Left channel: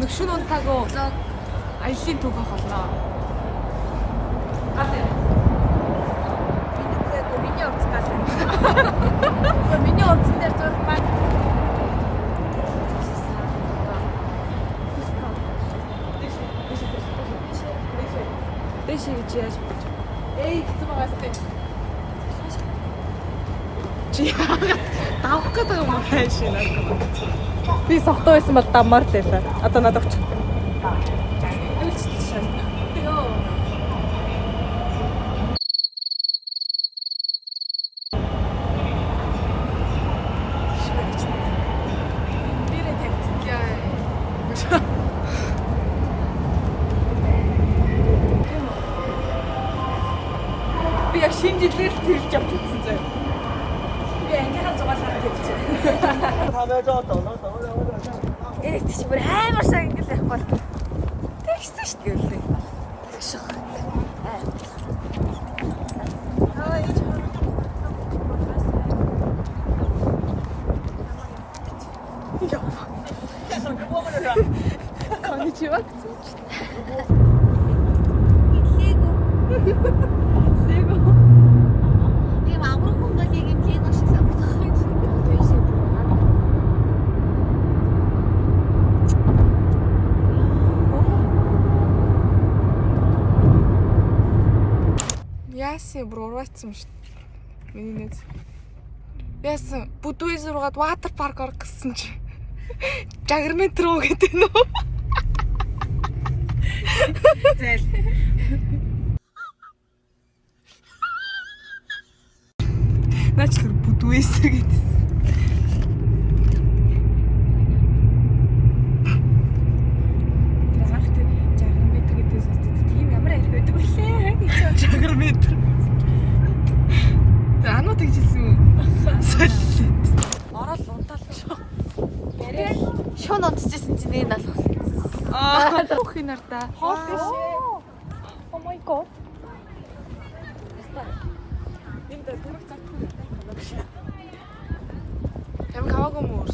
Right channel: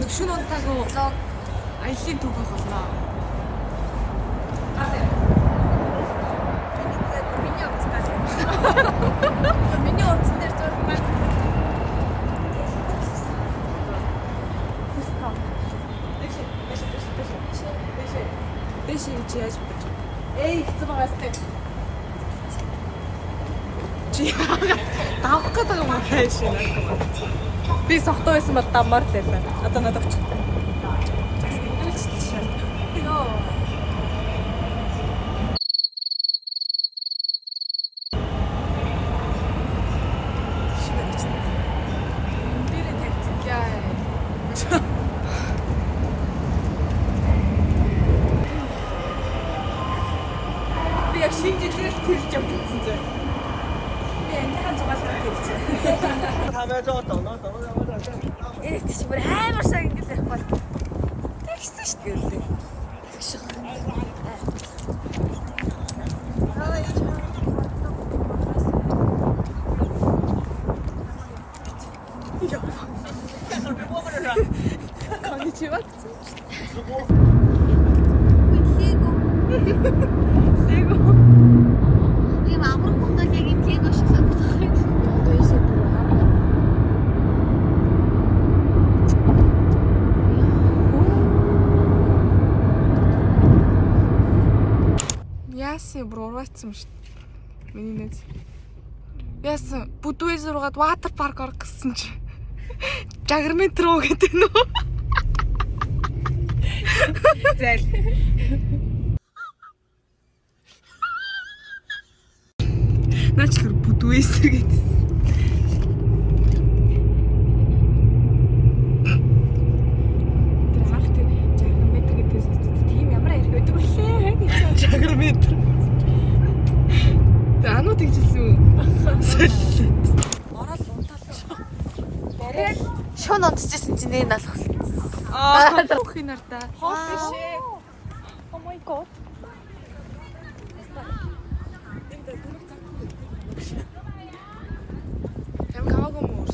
нэг шин унтаагүй аялын төв болно. Миний утас гал. Миний утсан дээр зураг баг. Дэшээ гэж яаж бодож? Эй, хэцүү байстай. Чи давах гэдэг юм уу хайш наа. Би сохтой байсан бол даммаар л байв. Одоо надад очих. Йоо. Би яг шинжилгээр тэрж явчихсан зэ. Би ангийнхаа зугаалаар тэрж. Тэгэж бүр хаймар сайн ингэж явахгүй. Тэгсэн шүү дээ үлээ. Ой чам. Конничева. Яасан бурууцсан шүү. Миний нэз. Яасан Будвиз руугаад ватер парк орох гэсэн чи. Жагрмент руу гэдэг нөө. Зэл. Наач тэр Будвиз гэдэг. Жагрмент. Таануу тэгжсэн үү? Ороод унтаалсан. Шон онцчихсэн чинь нэг алхсан. Хөх нарта. Oh my god. Тэм каваагүй мөр.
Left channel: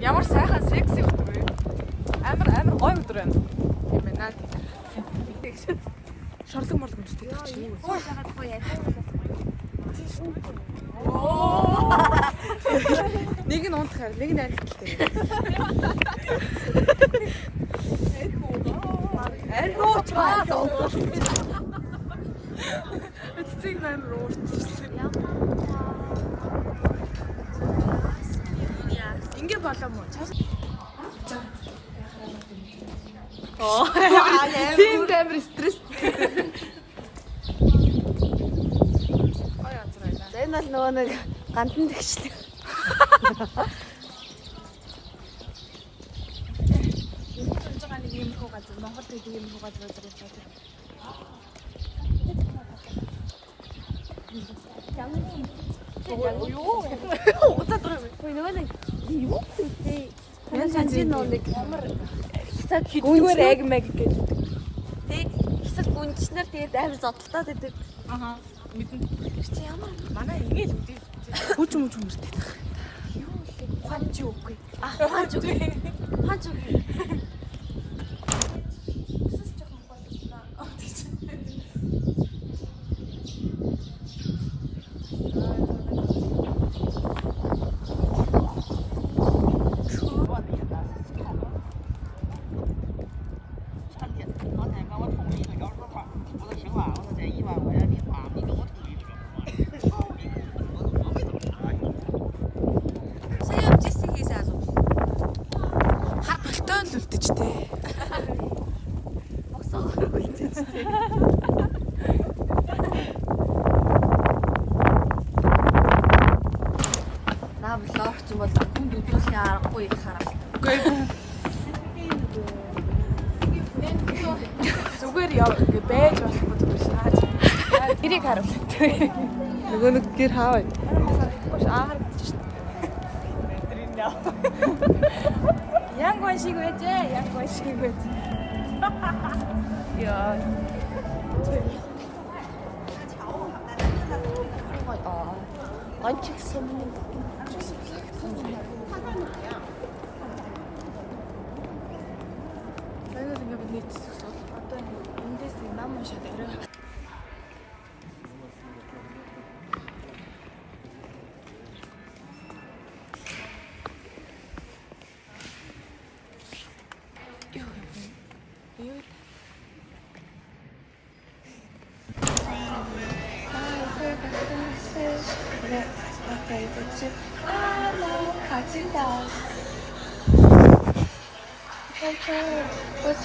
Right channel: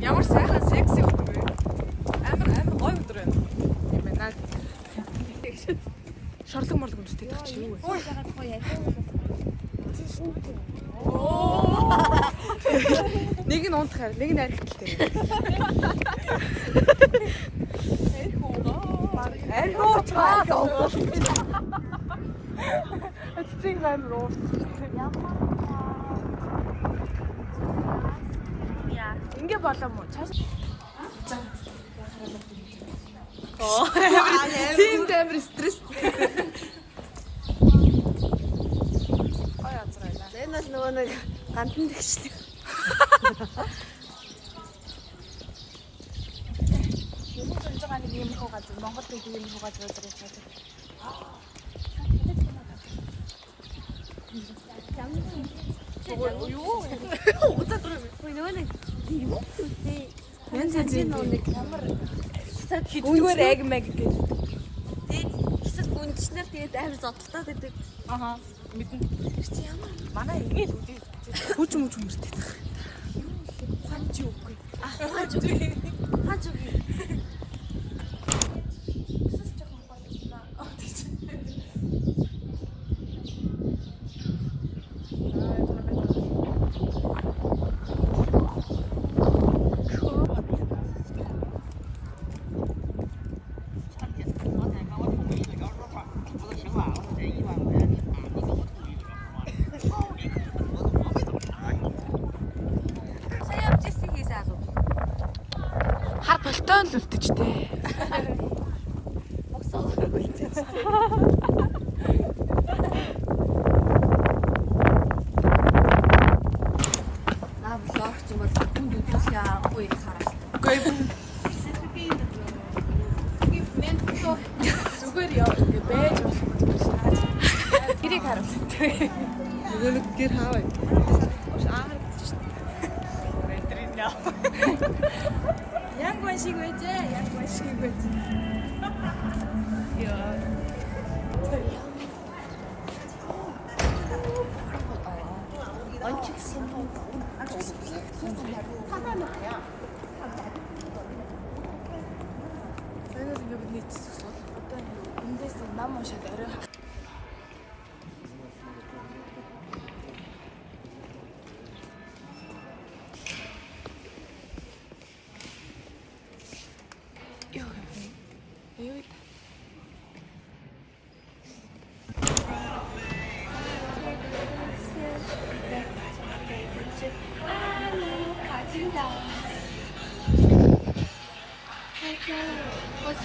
Ямар сайхан секси өдөр вэ? Амар гоё өдөр байна. Юм байна. Шорлог морлог өмсдөг чи юу вэ? Ой ягаад гоё яа. Нэг нь унтахаар, нэг нь архитэлтэй. Архуу чаа. Эцэг амар уурчихсан. Ингээ болоо мó. Чааш. Оо. Тим дээр стресс. Ой азрайна. Энэ л нөгөө нэг гандан тэгчлээ. Юм цанцгаа нэг юм хоо газар Монгол нэг юм хоо газар байдаг. Гүнгээр яг мэг гэж. Тэг хэсэг гүнчнэр тэгээд амар зодтолтоод байдаг. Аха. Мэдэн. Чи ямар манай игээл үгүй. Хүч мөч хүмүүстэй тах. Ханч үгүй. Ханч үгүй. Ханч үгүй. Болтон л үлдчихтэй. Наа блог ч юм бол хүнд үзүүлсэн аргагүй хараа. Үгүй. Зүгээр яв гэж байж болохгүй. Гэрийг харуул. Нөгөө нэг гэр хааваа. Гош харагдчих шин. Мэдрийн яа. Яг гоо шиг байжээ. Яг гоо шиг байж. Яа. What's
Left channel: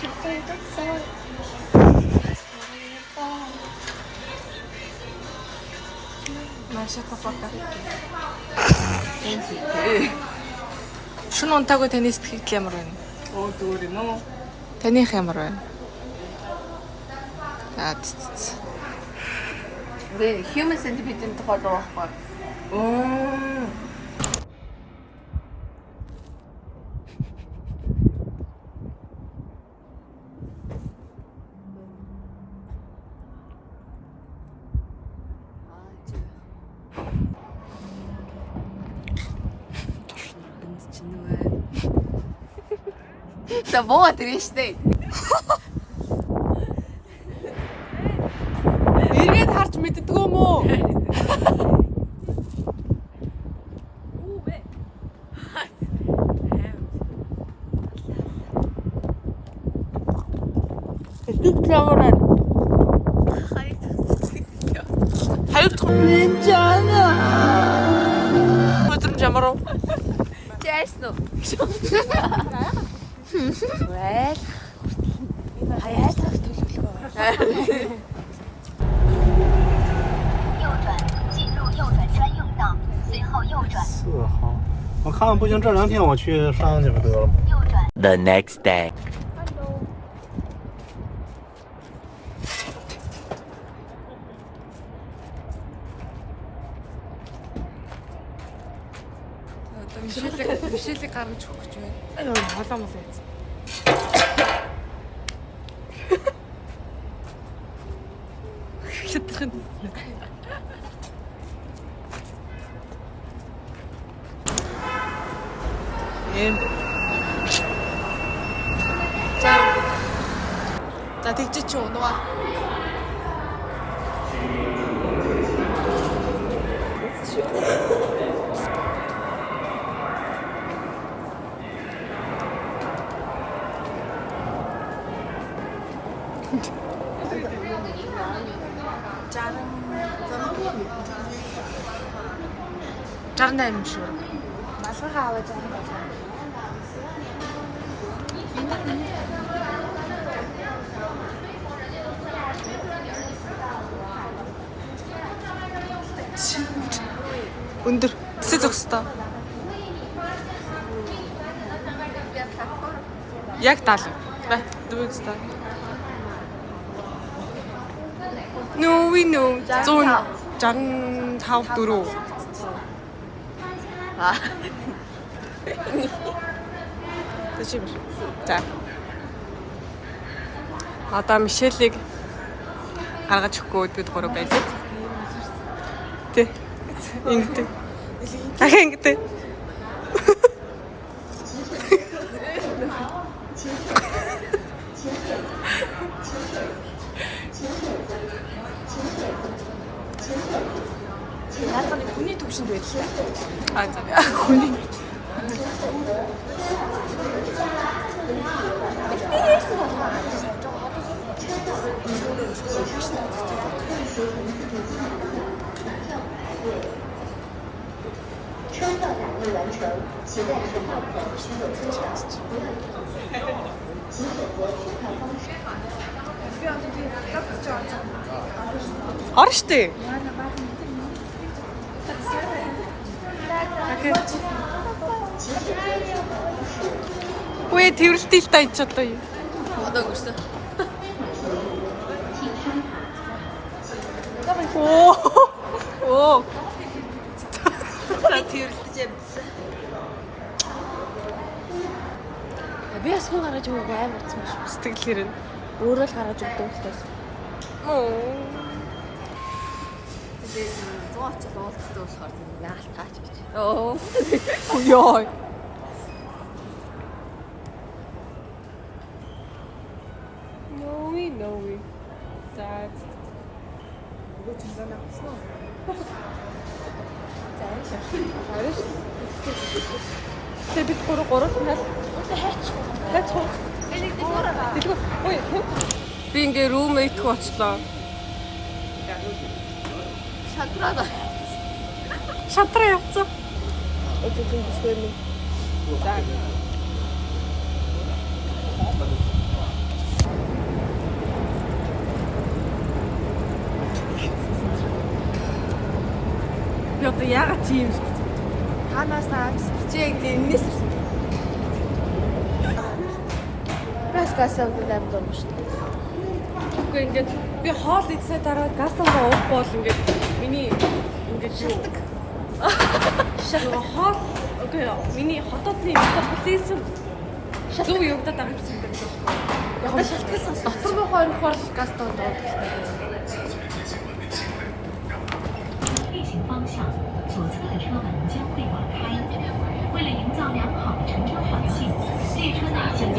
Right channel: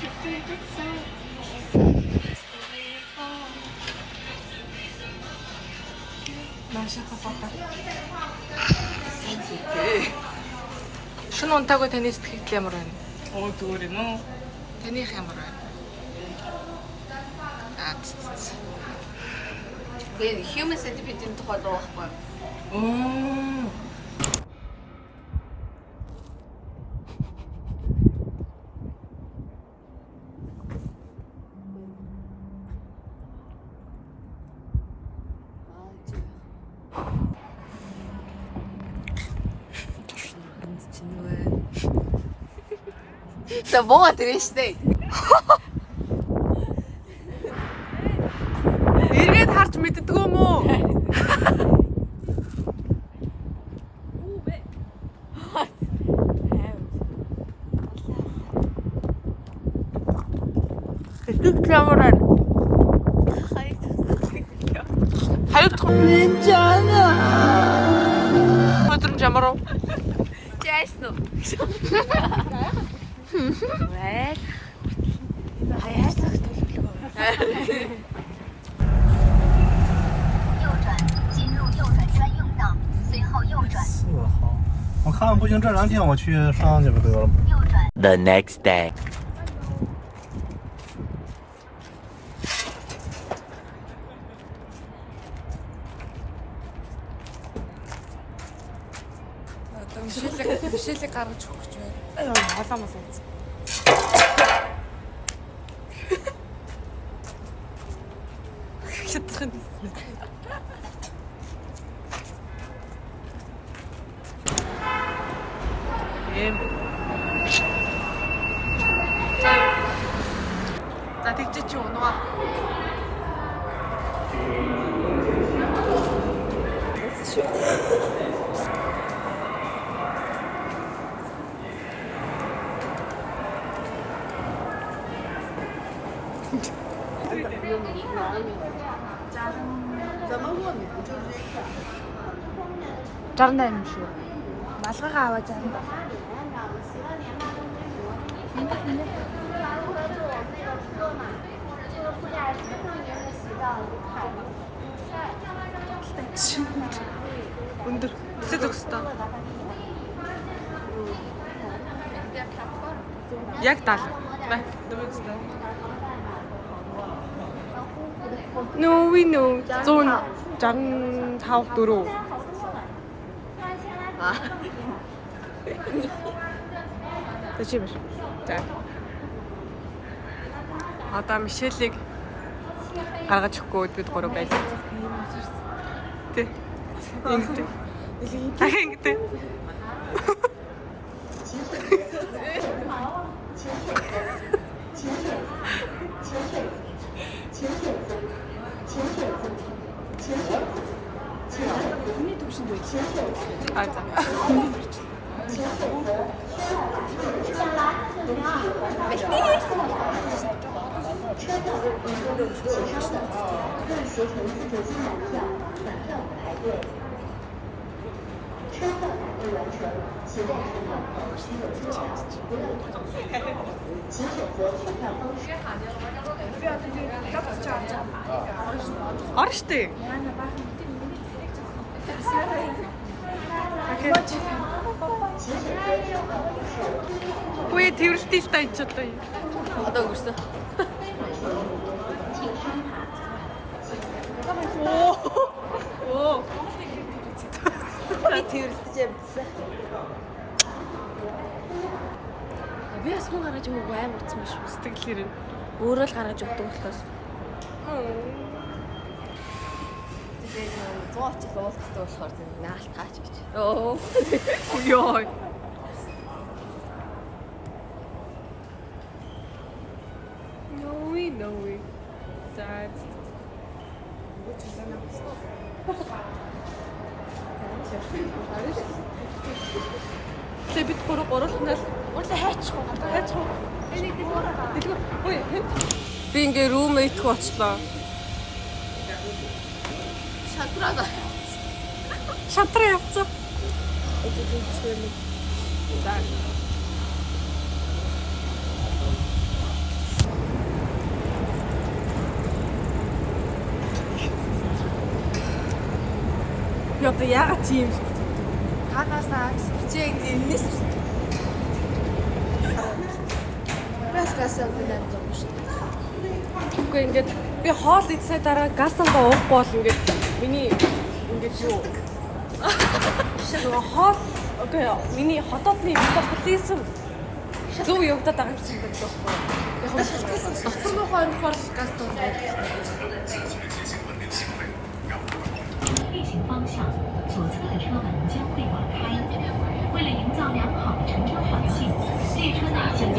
your favorite song? Шүн унтаагүй таны сэтгэл ямар байна? Зүгээр юм уу? Таних ямар байна? Human centipede-ийн тухай дуу байхгүй. За боо тэрэн штэ. Эргээд харж мэддэг юм уу? Сэтгэл ямар байна? Харагдах юм жана. Өдрөм ямар уу? Яасан уу? Вэ? Хаяад төлөвлөгөө. 4号，我看看不行，这2天我去上去得了。 The next day. Мишэлийг гаргаж өгөх гэж байна. Хоолоо мол яц. Хитрхэн. За тэгж чи унаа. Жарна юм шүү. Малгайгаа аваа зарим болоо. Өндөр тэсэ зогсдоо. Яг 70. Бай, дөрөвдөө. No we know. 165 4. Тэжим. За. Одоо Мишелийг гаргаж өгөхгүй бид гурав байлаа. Тэ. Ингэдэг. Ахаа ингэдэг. Хүний төвшөнд байлаа. Аа за. Бэлтээс нь болох. Би одоо тийм логч жааж байгаа. Ор штэ. Яна баахан тийм миний царэг Окей. Үе тэрэлтэй л тань ч одоо юу. одоо өгсөн. Оо. За тэрэлж явсан. Би ясгүй гаргаж өгөө амар утсан биш үү? Сэтгэл хэрэг. Өөрөө л гаргаж өгдөг болохоос. Зооч болцдог болохоор тийм наалт таач гэж. Оо. Ёо. No we. За. Бид гураас Би ингээ roommate хөө очлоо. Шатраа явцсан. би одоо яагаад тийм ханаасаа сэрчээ нэрнээс гасгасан гэдэг юм шүү. Үгүй ингээд би хоол идсээ дараа гасталгаа уухгүй бол ингээд миний ингээд юу хоол окей миний хотодны метаболизм зөв явагдаад байгаа юм байна даа. Яг нь дотор руугаа орохоор гастал даа. 运行方向，左侧的车门将会打开。为了营造良好的乘车环境，列车内将